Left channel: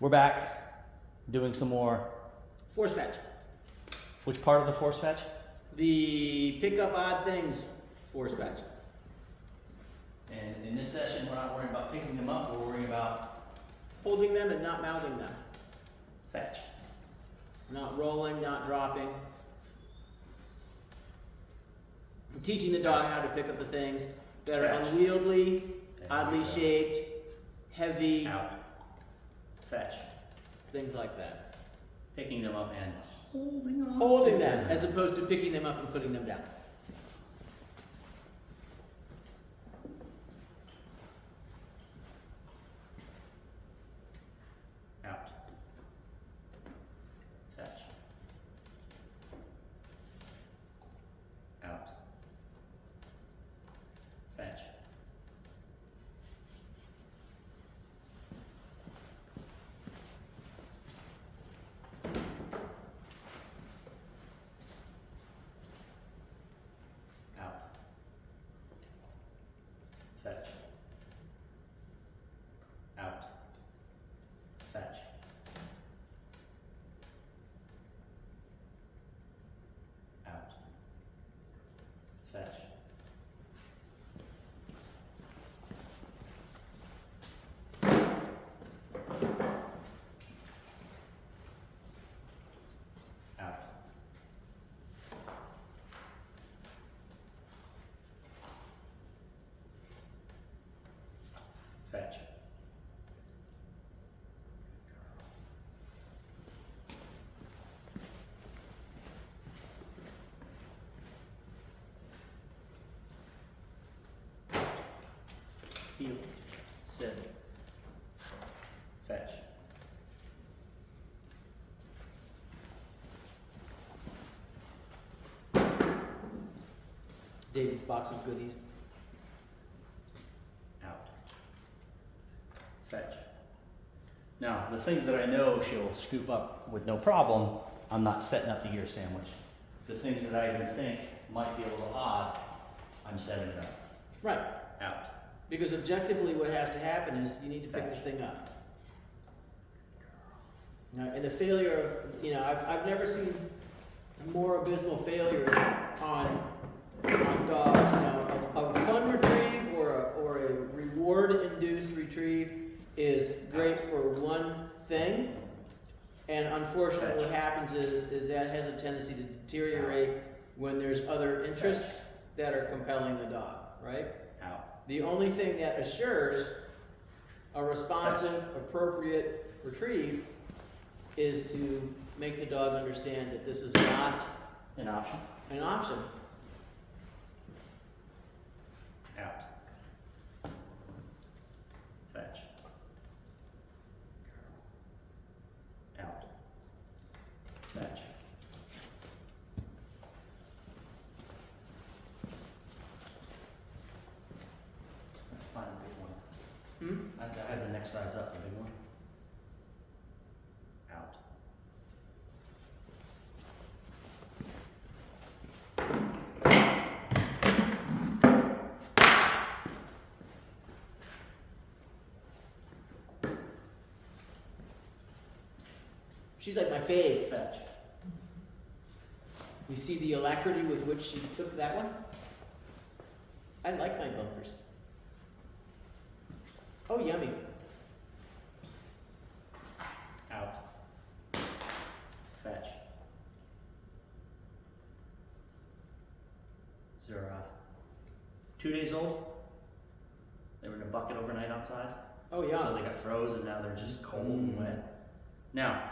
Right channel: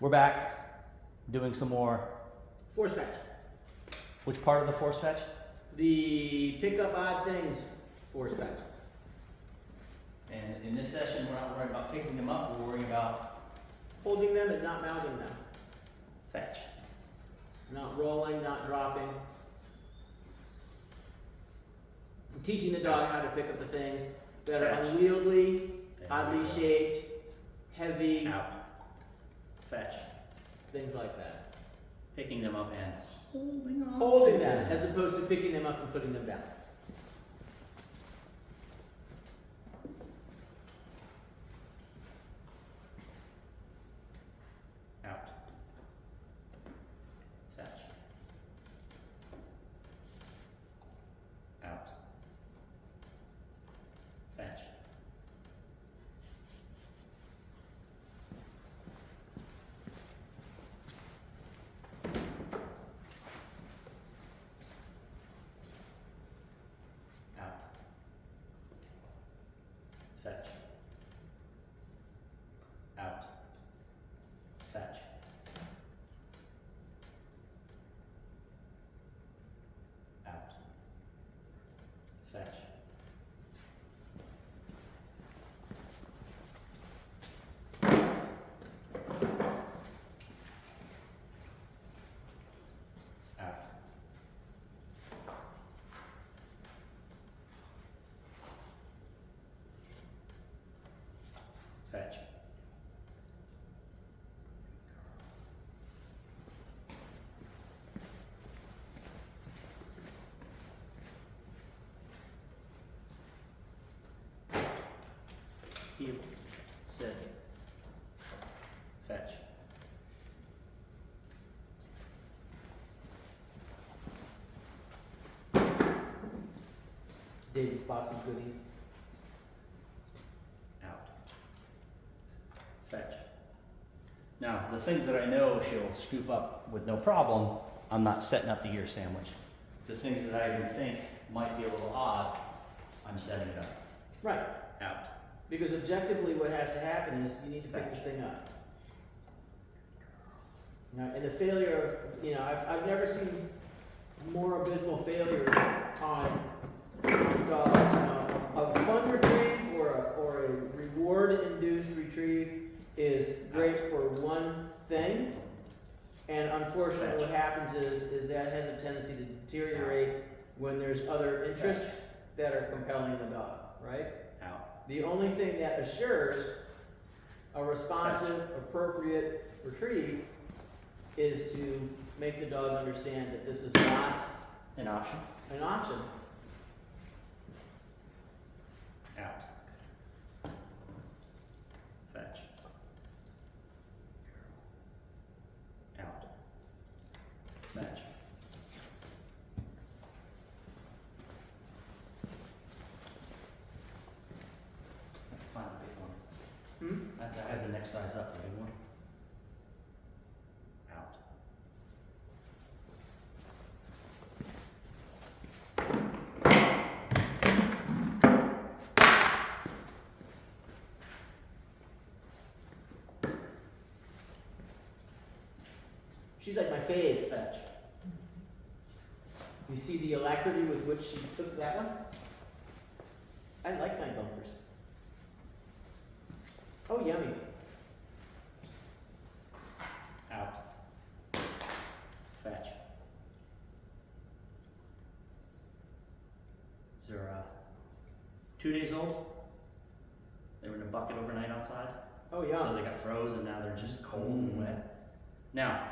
We're back doing some more. Force fetch. Which part of the force fetch? The pick up odd things force fetch. And in this session, we're not worrying about picking them up, we're worrying about Holding them and not mouthing them. fetch. Not rolling, not dropping. And teaching the dog how to pick up the things that are Fetch. unwieldy, And oddly shaped, heavy, out. Fetch. things like that. Picking them up and holding on. Holding them as opposed to picking them up and putting them down. Out. Fetch. Out. Fetch. Out. Fetch. Out. Fetch. Out. Fetch. Out. Fetch. Heel. Sit. Fetch. David's box of goodies. Out. Fetch. Now, the things that I know she'll scoop up with no problem, I'm not setting up the ear sandwich. The things that I even think might be a little odd, I'm setting it up. Right. Out. Because objectively what has to happen is you need to pick the thing up. Now, and the failure of, I've never seen more abysmal failures on dogs. A fun retrieve or a reward-induced retrieve is great for one thing. And unfortunately what happens is that has a tendency to deteriorate when there's other interests that are compelling the dog, right? Out. The only thing that assures a responsive, appropriate retrieve is to make the dog understand that this is not An option. an option. Out. Fetch. Out. Fetch. Find a big one. I have the next size up, the big one. Out. She's like my fave. Fetch. You see the alacrity with which she took that one? I like my bumpers. Oh, yummy. Out. Fetch. Is there 2 days old? They were in a bucket overnight outside. Oh, yeah. So they got froze and now they're just cold and wet. Now,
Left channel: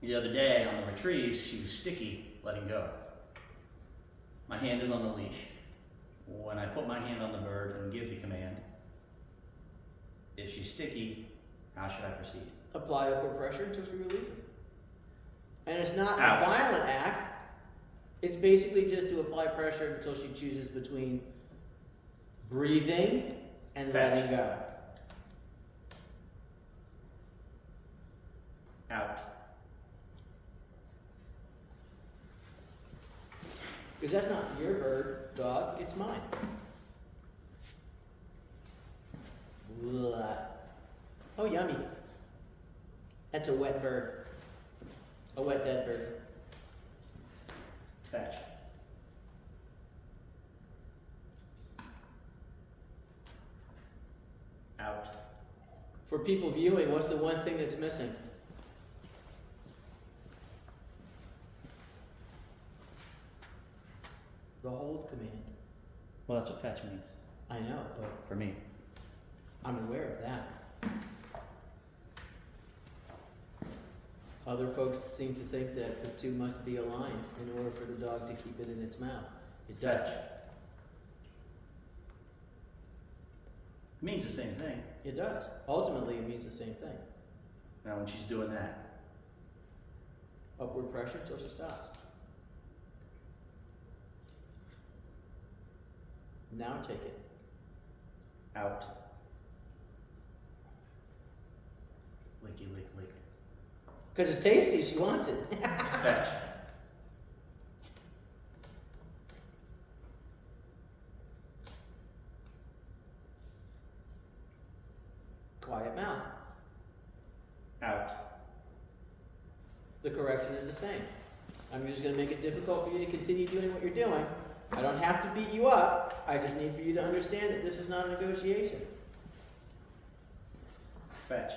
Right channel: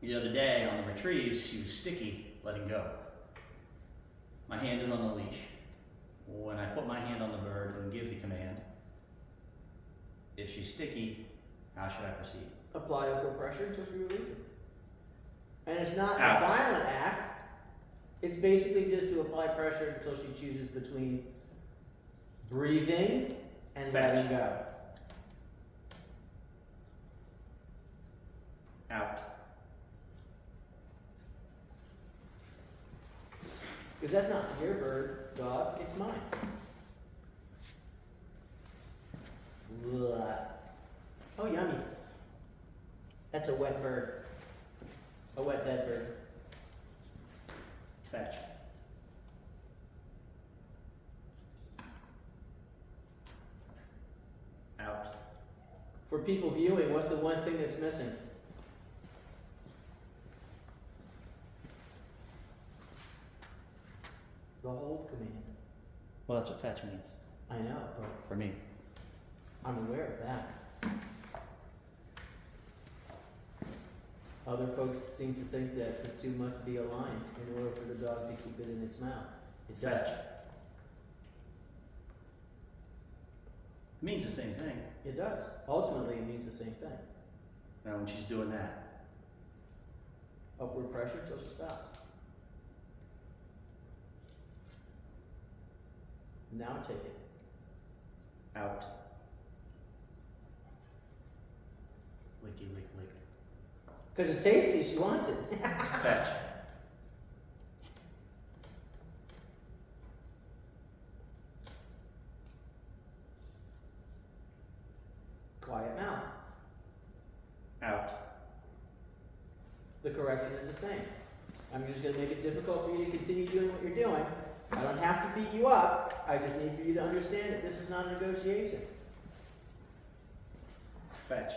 the other day on the retrieves, she was sticky, letting go. My hand is on the leash. When I put my hand on the bird and give the command, if she's sticky, how should I proceed? Apply upward pressure until she releases. And it's not Out. a violent act. It's basically just to apply pressure until she chooses between breathing and Fetch. letting go. Out. Because that's not your bird, dog, it's mine. Blah. Oh, yummy. That's a wet bird. A wet dead bird. Fetch. Out. For people viewing, what's the one thing that's missing? The hold command. Well, that's what fetch means I know, but for me. I'm aware of that. Other folks seem to think that the two must be aligned in order for the dog to keep it in its mouth. It does. Fetch. It means the same thing. It does. Ultimately, it means the same thing. Now, when she's doing that, Upward pressure until she stops. Now take it. out. Licky, lick, lick. Because it's tasty, she wants it. Fetch. Quiet mouth. Out. The correction is the same. I'm just going to make it difficult for you to continue doing what you're doing. I don't have to beat you up. I just need for you to understand that this is not a negotiation. Fetch.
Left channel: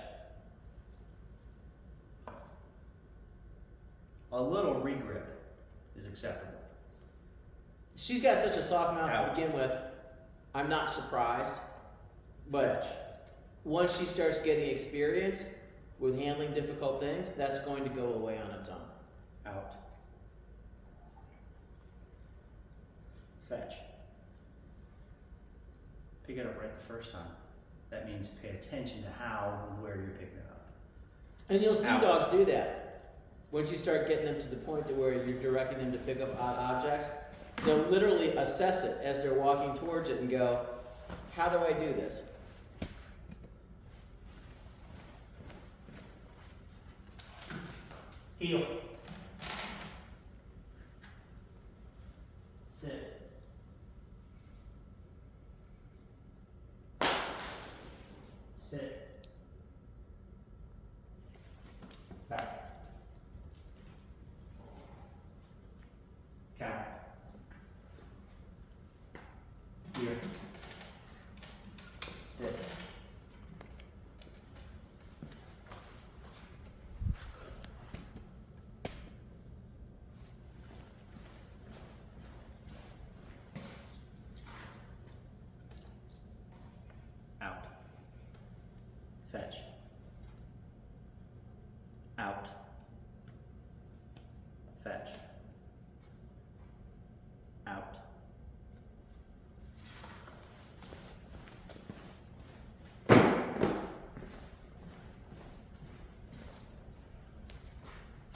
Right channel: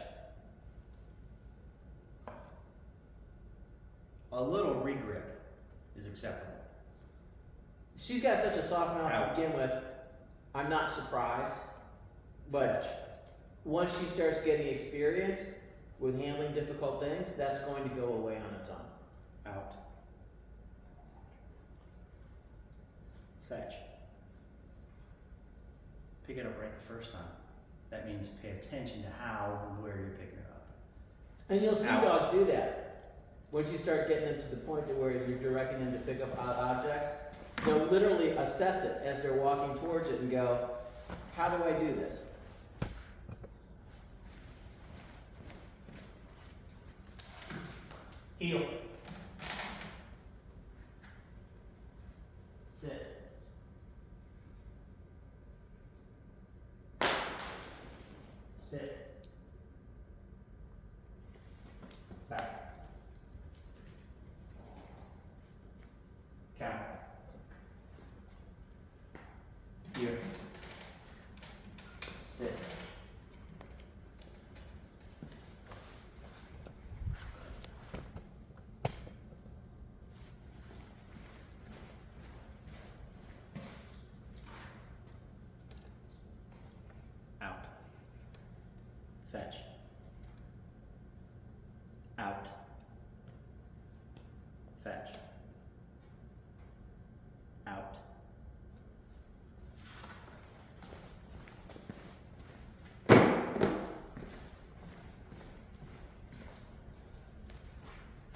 A little regrip is acceptable. She's got such a soft mouth Out. to begin with. I'm not surprised. But Fetch. once she starts getting experience with handling difficult things, that's going to go away on its own. Out. Fetch. Pick it up right the first time. That means pay attention to how and where you're picking it up. And you'll see Out. dogs do that. Once you start getting them to the point to where you're directing them to pick up odd objects, they'll literally assess it as they're walking towards it and go, how do I do this? Heel. Sit. Sit. Back. Count. Here. Sit. Out. Fetch. Out. Fetch. Out.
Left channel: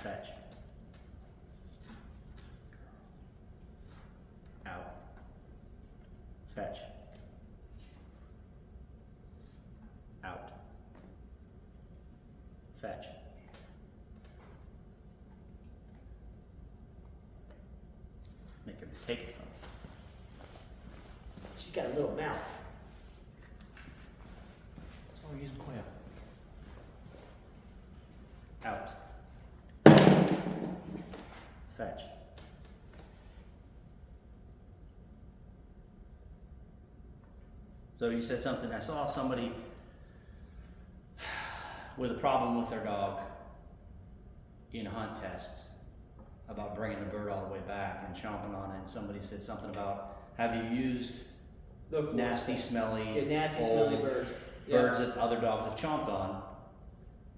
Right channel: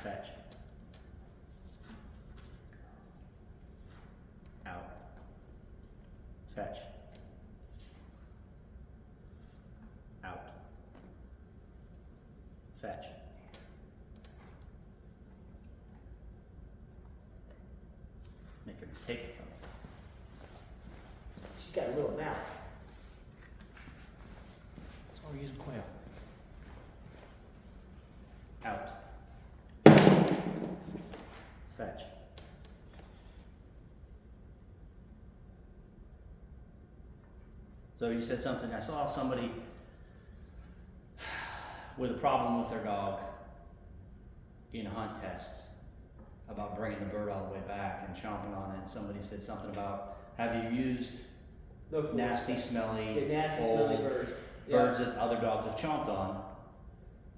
Fetch. Out. Fetch. Out. Fetch. Make her take it from you. She's got a little mouth. That's why we're using quail. Out. Fetch. So you said something, I saw somebody with a problem with their dog in a hunt test about bringing the bird all the way back and chomping on it. And somebody said something about, have you used No force. nasty, smelly, Yeah, nasty, old smelly birds. Yeah. birds that other dogs have chomped on?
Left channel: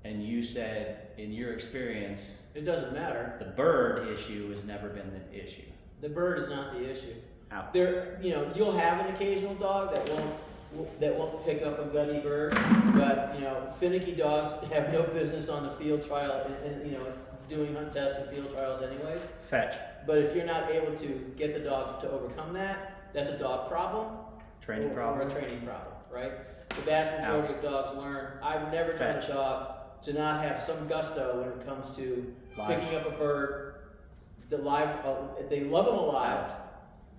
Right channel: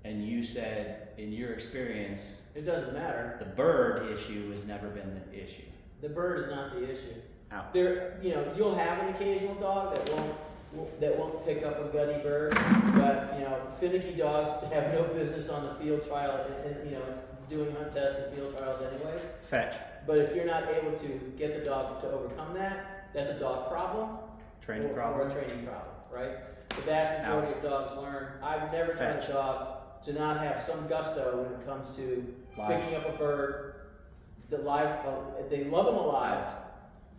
And you said, in your experience, It doesn't matter. the bird issue has never been the issue. The bird is not the issue. Out. There, you'll have an occasional dog that won't pick up a gutty bird, but finicky dogs have no business on the field trial and doing hunt tests and field trials anyways. Fetch. But if you're not able to get the dog to overcome that, that's a dog problem. Training or problem. a training problem, right? The vast majority of dogs learn. I've never found Fetch. a dog to not have some gusto when it comes to Live. picking up a bird. They love them alive. Out.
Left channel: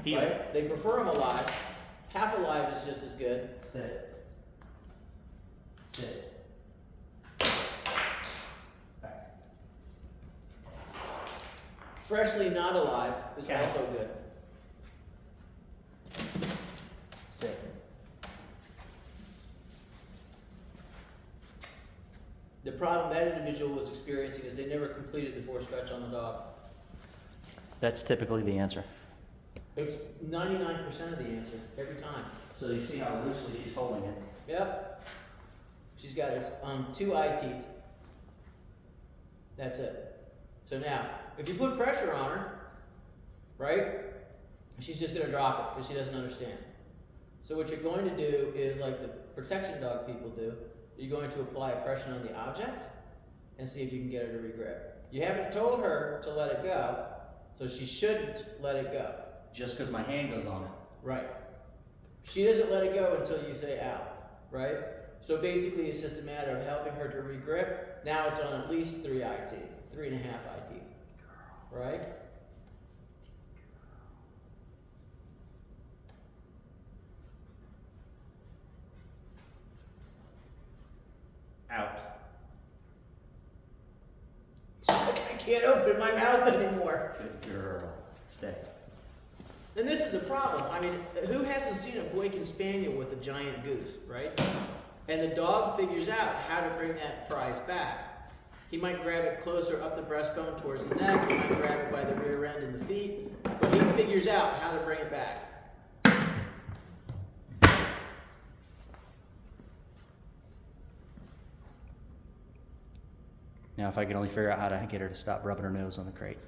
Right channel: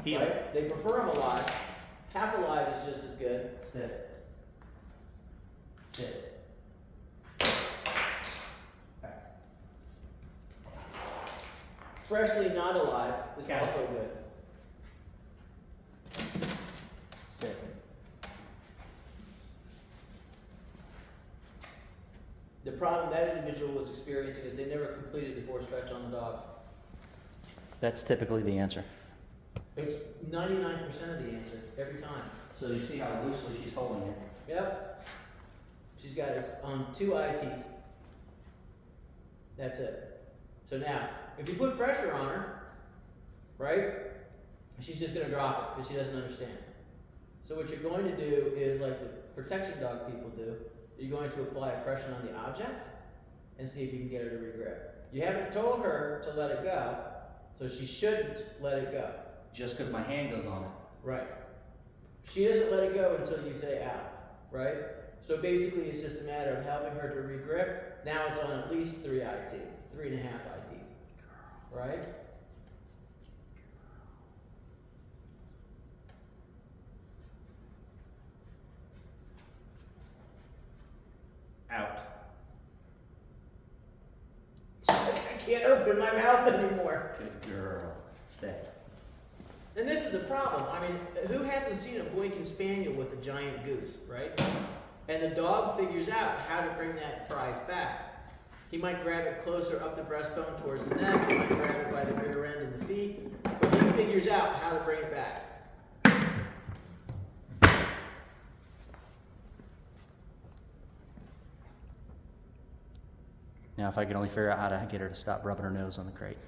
Heel. Right? They prefer them alive. Half alive is just as good. Sit. Sit. Freshly not alive is Okay. also good. Sit. The problem that individual was experiencing is they never completed the force fetch on the dog. That's typically the answer. It's 99% of the answer, every time. So you see how loosely she's holding it. Yep. She's got its 2 eye teeth. That's it. So now, if you put pressure on her, right, she's just going to drop it because she doesn't understand. So what you're going to do is like the protection dog people do. You're going to apply a pressure on the object and see if you can get her to regrip. You haven't told her to let it go, so she shouldn't let it go. Just because my hand goes on it. Right. She doesn't let it go until you say out, right? So basically it's just a matter of helping her to regrip. Now it's on at least 3 eye teeth, 3.5 eye teeth, right? Out. I can't open my mouth anymore. Good girl. Stay. And this is the problem. I mean, who hasn't seen a Boykin Spaniel with a giant goose, right? And the dog figures out how to bring that prize back. He might grab it closer up the breastbone towards the neck. He might grab it by the rear end and the feet. But he figures out how to bring it back. Now, if I could only figure out how to get her to stop rubbing her nose on the crate.